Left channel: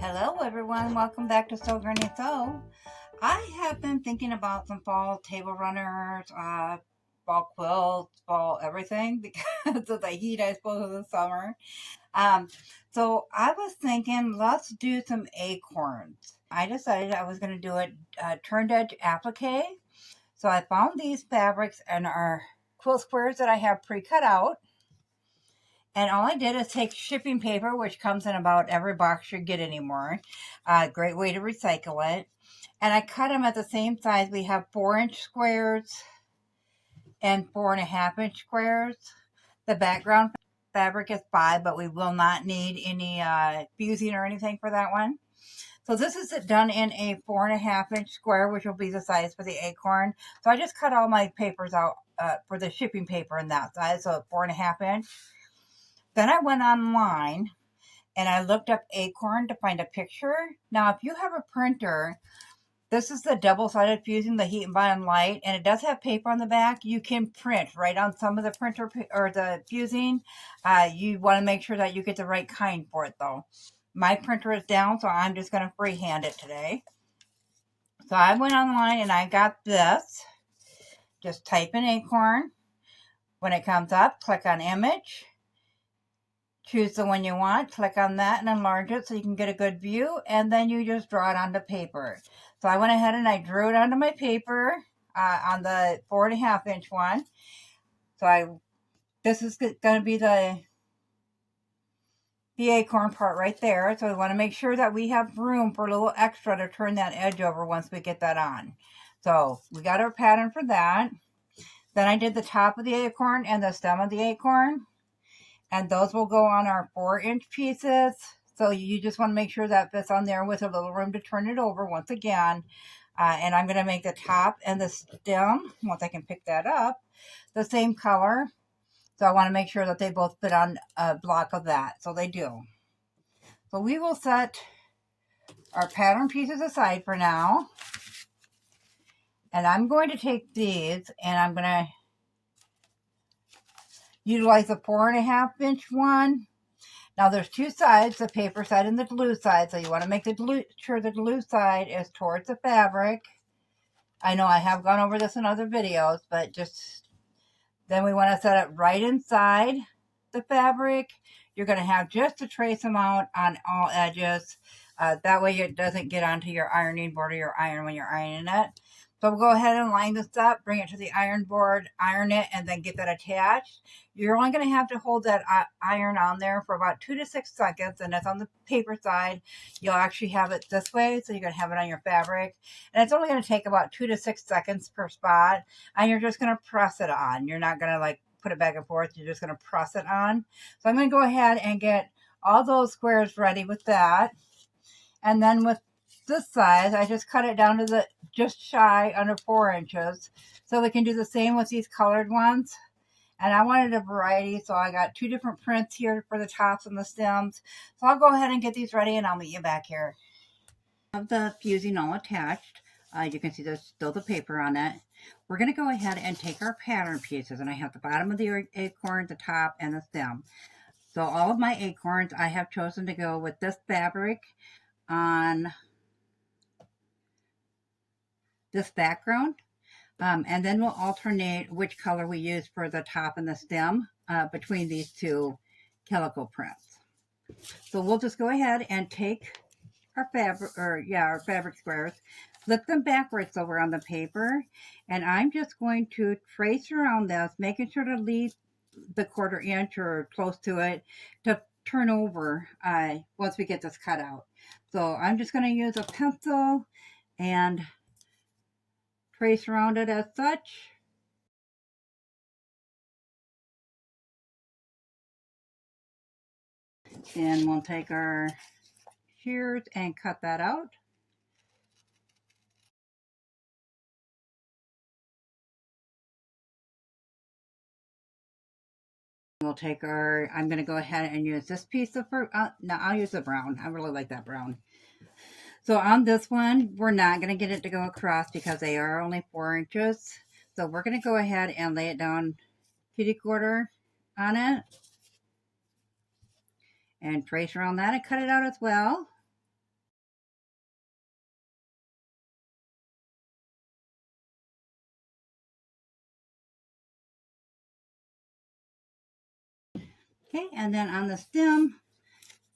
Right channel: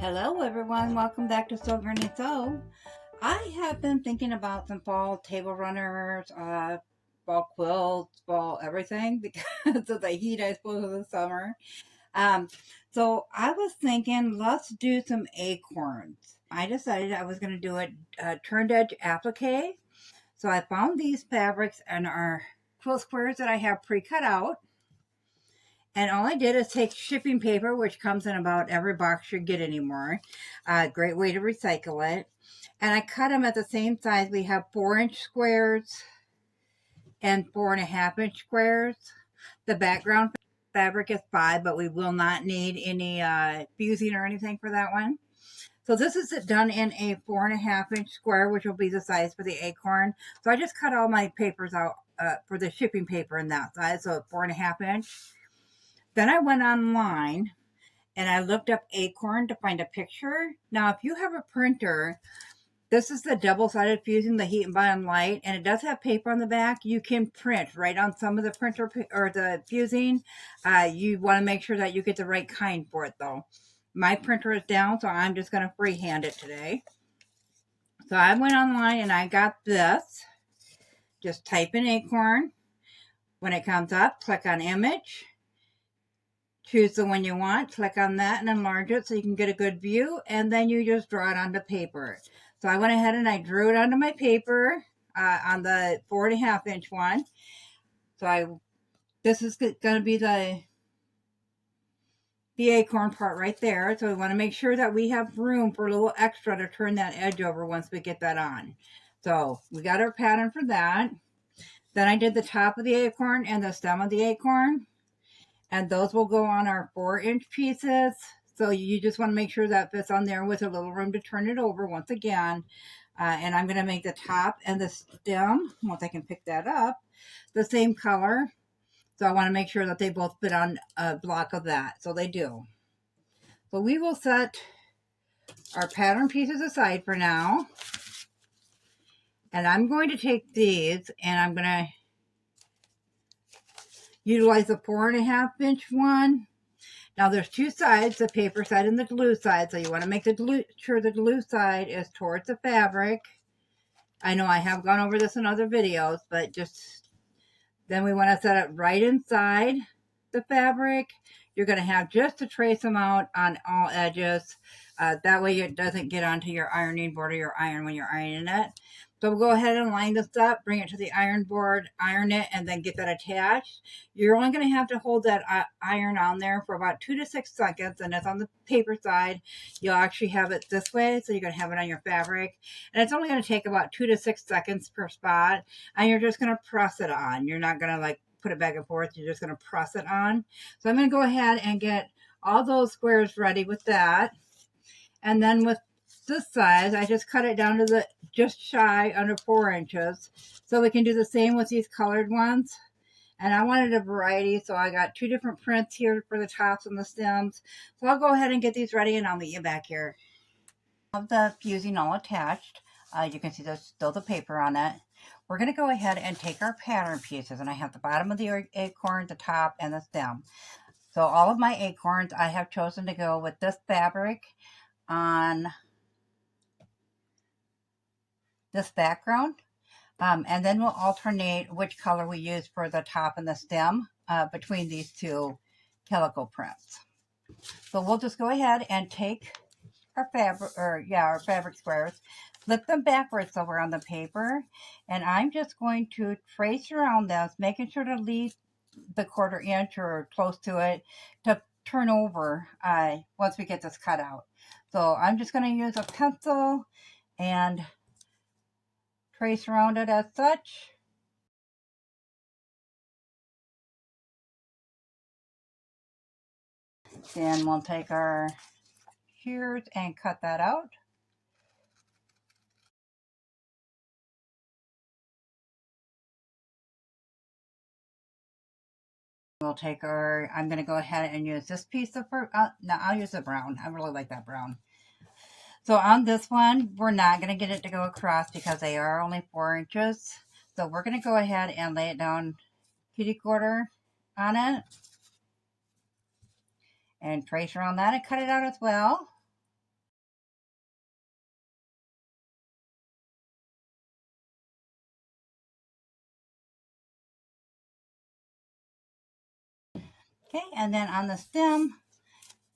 Hello everyone, welcome back to Sew Granny Sew. I have been thinking about some fall table runners, fall quilts, fall everything because of the heat, I suppose, of the summer. Um, so I was thinking, let's do some acorns. I decided I was going to do a turned edge applique. So I found these fabrics and our quilt squares that I have pre-cut out. And all I did is take shipping paper, which comes in about every box you get anymore. Great way to recycle it. And I cut them at the same size. We have 4-inch squares and 4.5-inch squares. The background fabric is 5, but we will not need any fusing or anything for that one. So this is done in a 4.5-inch square, which will be the size for the acorn. So I just cut all my papers out for the shipping paper in that size, so 4.5-inch. Then I went online and I looked up Acorn to find a picture. Now, if you have a printer, this is the double-sided fusing, the heat and bond light, and it does have paper on the back. You can print right on some of the printer or the fusing. You want to make sure that you get the right kind for it, though. My printer is down, so I'm just going to freehand it today. So I went online and I got this. Just type in Acorn. When it comes up, click on Image. Choose the one you want, click on that and enlarge it so you can get a good view, and then you just draw it onto paper. So I went ahead and I drew it onto my paper on the 4.5-inch one. So this is going to be the acorn part right there. So we want to make sure that we have room for a little extra to turn that edge over once we get that on. So we got our pattern for that. Then I did the top of the acorn and the stem of the acorn. And those will go on our 4-inch pieces. So you just want to make sure that fits on there with a little room to turn it over once again. And I'm going to make the top and the stem, once I can pick that up, the same color. So I want to make sure that they both fit on a block of that. So they do. So we will set our pattern pieces aside for now. And I'm going to take these and I'm going to utilize the 4.5-inch one. Now there's two sides, the paper side and the glue side. So you want to make sure the glue side is towards the fabric. I know I have gone over this in other videos, but then we want to set it right inside the fabric. You're going to have just a trace amount on all edges. That way it doesn't get onto your ironing board or your iron when you're ironing it. So we'll go ahead and line this up, bring it to the iron board, iron it, and then get that attached. You're only going to have to hold that iron on there for about 2 to 6 seconds, and that's on the paper side. You'll actually have it this way, so you're going to have it on your fabric. And it's only going to take about 2 to 6 seconds per spot, and you're just going to press it on. You're not going to like put it back and forth. You're just going to press it on. So I'm going to go ahead and get all those squares ready with that. And then with this size, I just cut it down to the just shy under 4 inches. So we can do the same with these colored ones. And I wanted a variety, so I got 2 different prints here for the tops and the stems. So I'll go ahead and get these ready and I'll meet you back here. I have the fusing all attached. You can see there's still the paper on it. We're going to go ahead and take our pattern pieces, and I have the bottom of the acorn, the top, and the stem. So all of my acorns, I have chosen to go with this fabric on this background. And then we'll alternate which color we use for the top and the stem between these two calico prints. So we'll just go ahead and take our fabric squares, flip them backwards over on the paper, and I'm just going to trace around this, making sure to leave the 1/4 inch or close to it to turn over once we get this cut out. So I'm just going to use a pencil and trace around it as such. Then we'll take our shears and cut that out. We'll take I'm going to go ahead and use this piece of, no, I'll use the brown. I really like that brown. So on this one, we're not going to get it to go across because they are only 4 inches. So we're going to go ahead and lay it down kitty-quarter on it. And trace around that and cut it out as well. Okay, and then on the stem,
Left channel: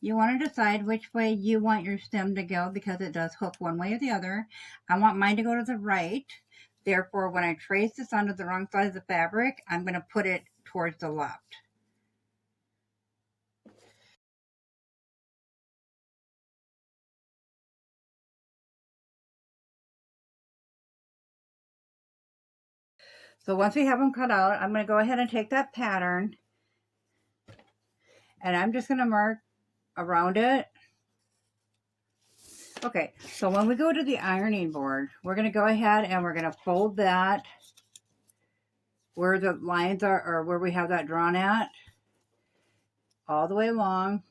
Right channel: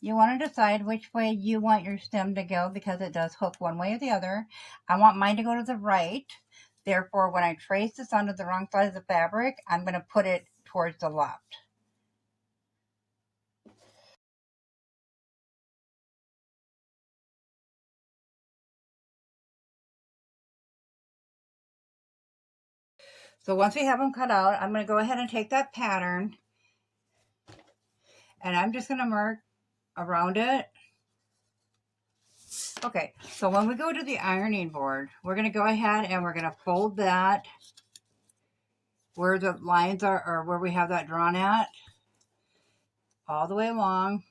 you want to decide which way you want your stem to go because it does hook one way or the other. I want mine to go to the right. Therefore, when I trace this onto the wrong side of the fabric, I'm going to put it towards the left. So once we have them cut out, I'm going to go ahead and take that pattern and I'm just going to mark around it. Okay, so when we go to the ironing board, we're going to go ahead and we're going to fold that where the lines are, or where we have that drawn at, all the way along.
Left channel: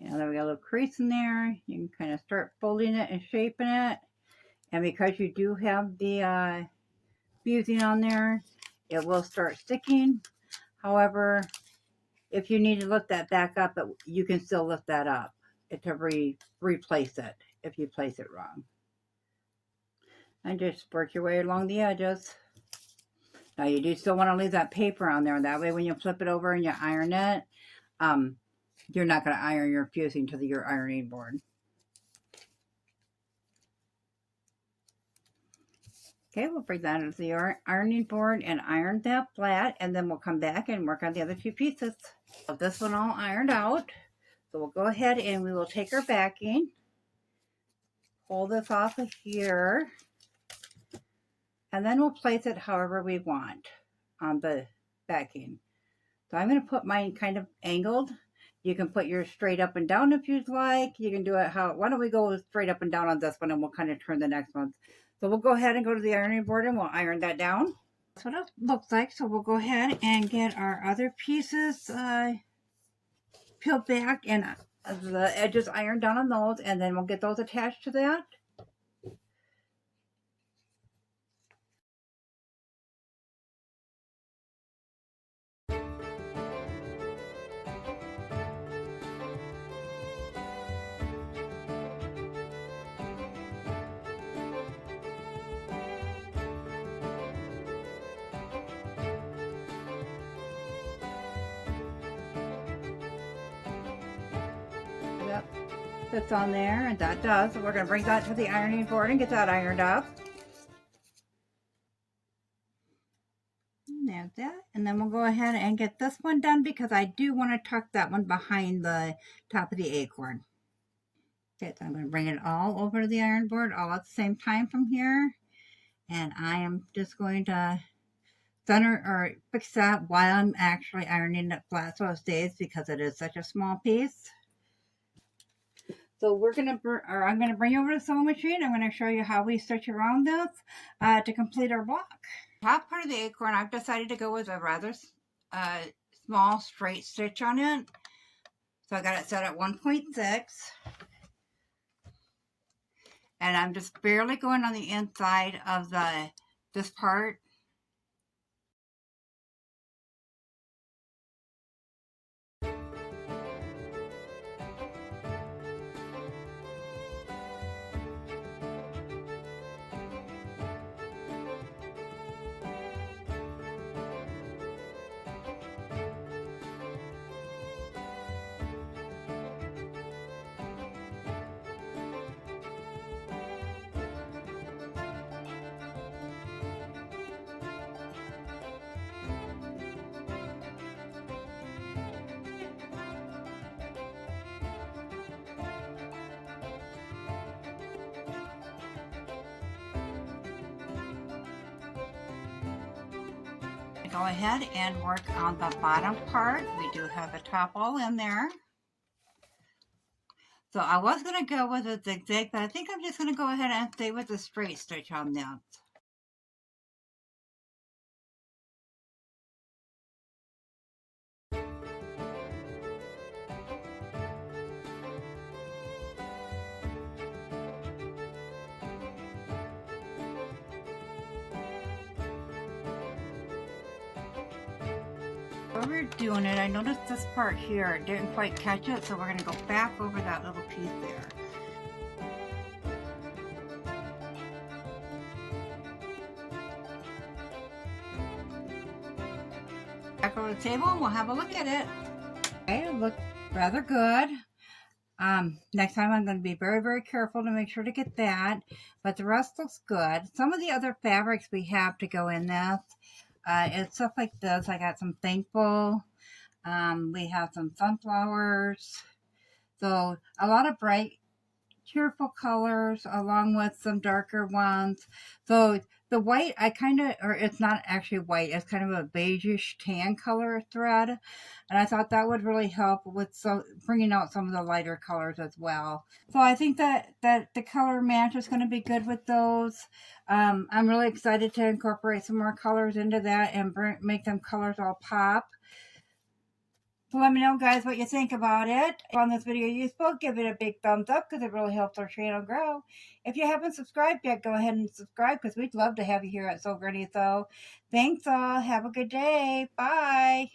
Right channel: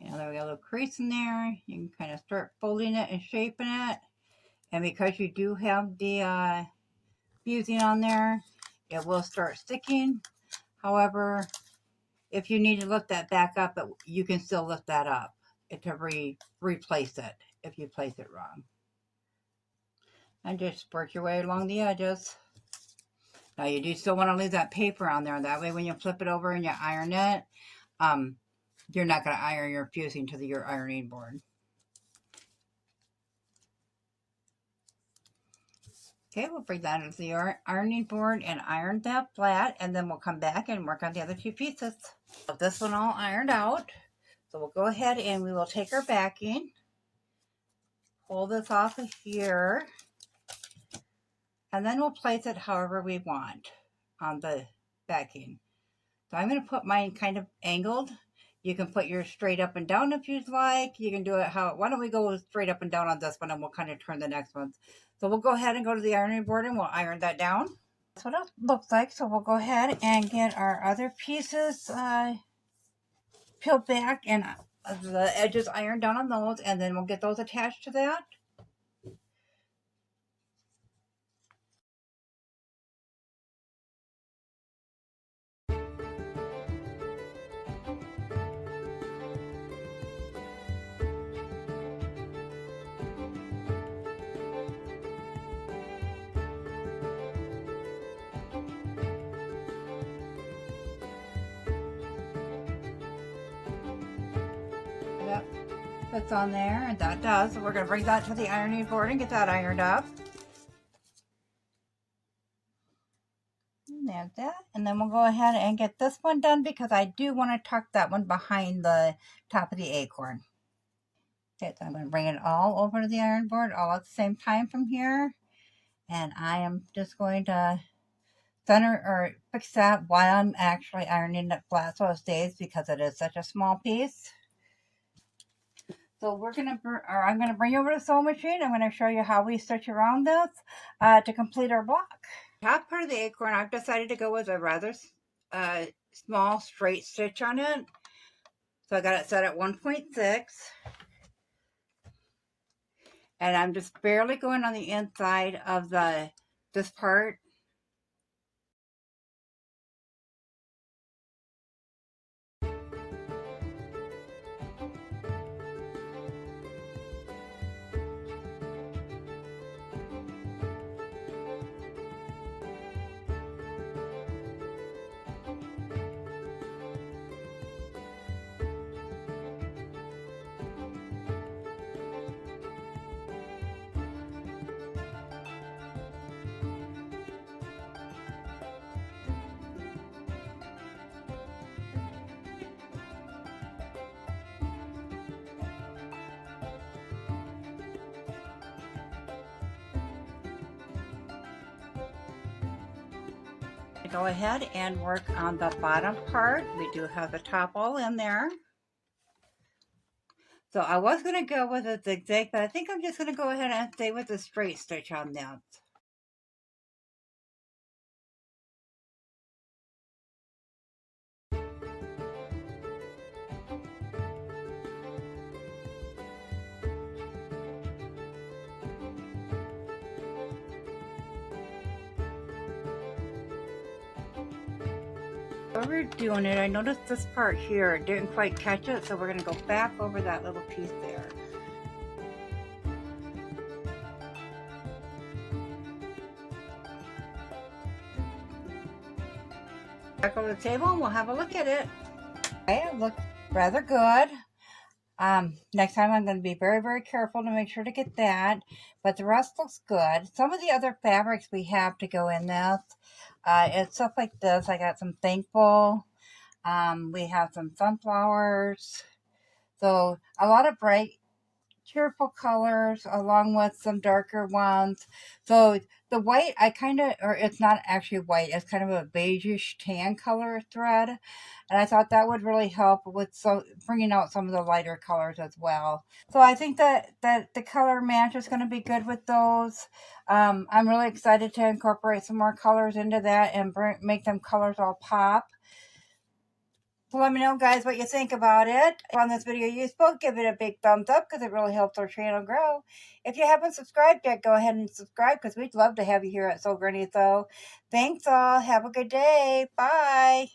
And then we got a little crease in there. You can kind of start folding it and shaping it. And because you do have the fusing on there, it will start sticking. However, if you need to lift that back up, you can still lift that up to replace it if you place it wrong. And just work your way along the edges. Now you do still want to leave that paper on there. That way when you flip it over and you iron it, you're not going to iron your fusing to your ironing board. Okay, we'll bring that into the ironing board and iron that flat, and then we'll come back and work on the other two pieces. This one all ironed out. So we'll go ahead and we will take our backing, pull this off of here, and then we'll place it however we want on the backing. So I'm going to put mine kind of angled. You can put yours straight up and down if you'd like. You can do it why don't we go straight up and down on this one and we'll kind of turn the next one. So we'll go ahead and go to the ironing board and we'll iron that down. That's what it looks like. So we'll go ahead and get our other pieces peeled back and the edges ironed down on those, and then we'll get those attached to that. That's on there, and that does. So we're going to bring that to the ironing board and get that ironed up. And there's that. And then we'll go ahead and get this one done because I do want to tuck that one behind the top of the acorn. Okay, so I'm going to bring it all over to the iron board all at the same time from here. And I am just going to center or fix that while I'm actually ironing it flat so it stays because it is such a small piece. So I'm going to bring you over to the sewing machine. I'm going to show you how we stitch around this to complete our block. Top part of the acorn, I've decided to go with a rather small straight stitch on it. So I got it set at 1.6. And I'm just barely going on the inside of this part. Go ahead and work on the bottom part. We do have the top all in there. So I was going to go with a zigzag, but I think I'm just going to go ahead and stay with the straight stitch on that. While we're doing it, I noticed this part here didn't quite catch it, so we're going to go back over that little piece there. Back over the table and we'll have a look at it. Okay, it looked rather good. Next time I'm going to be very, very careful to make sure to get that. But the rest looks good. Some of the other fabrics we have to go in this, it's stuff like this. I got some Thankful. We have some sunflowers. So a lot of bright, cheerful colors along with some darker ones. So the white, I kind of, or it's not actually white, it's kind of a beigeish tan color thread. And I thought that would really help with bringing out some of the lighter colors as well. So I think that the color match is going to be good with those. I'm really excited to incorporate some more colors into that and make them colors all pop. So let me know, guys, what you think about it. If you found this video useful, give it a big thumbs up because it really helps our channel grow. If you haven't subscribed yet, go ahead and subscribe because we'd love to have you here at Sew Granny Sew. Thanks all. Have a good day. Bye.